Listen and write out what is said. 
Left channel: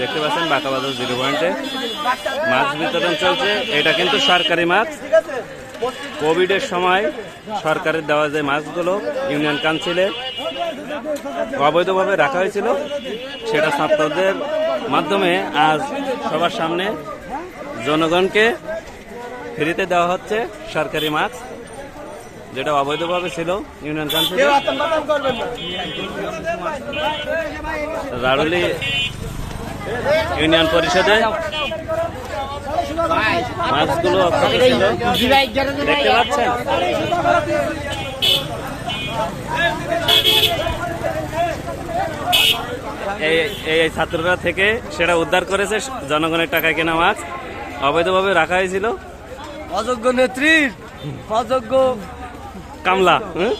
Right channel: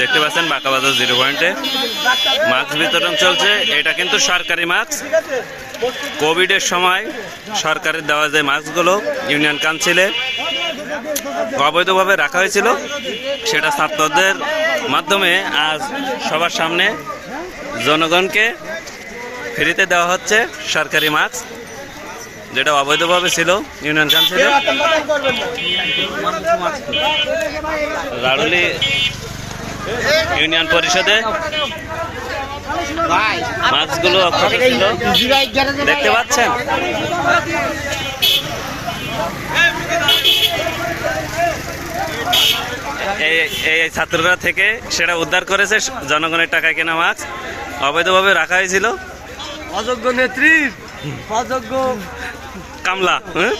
দেখতে পাচ্ছেন বাঁকাবাজার জিরো পয়েন্টে। মাস্ক বিতরণ চলছে, এটা কিন্তু সরকারি মাস্ক কোভিডের সময় সরকারের দেওয়া যে মাস্কগুলো ইউনিয়ন কাউন্সিলে অবৈধভাবে রাখা হয়েছিল, সেটা ছাত্রদের মাধ্যমে আজ সবার সামনে জনগণকে ফ্রিতে দেওয়া হচ্ছে সরকারি মাস্ক যেটা অবৈধভাবে ছিল ইউনিয়ন কাউন্সিলে রাড়ুলি ইউনিয়ন পরিষদে মাছগুলো অক্ষত ছিল। দেখতে পাচ্ছেন? এই ছাত্ররা থেকে সেটা উদ্ধার করেছে জনগণের টাকায় কেনা মাছ। অবৈধভাবে রাখা হয়েছিল। অযোগ্য নেত্রী অযোগ্য কামলা হ্যাঁ?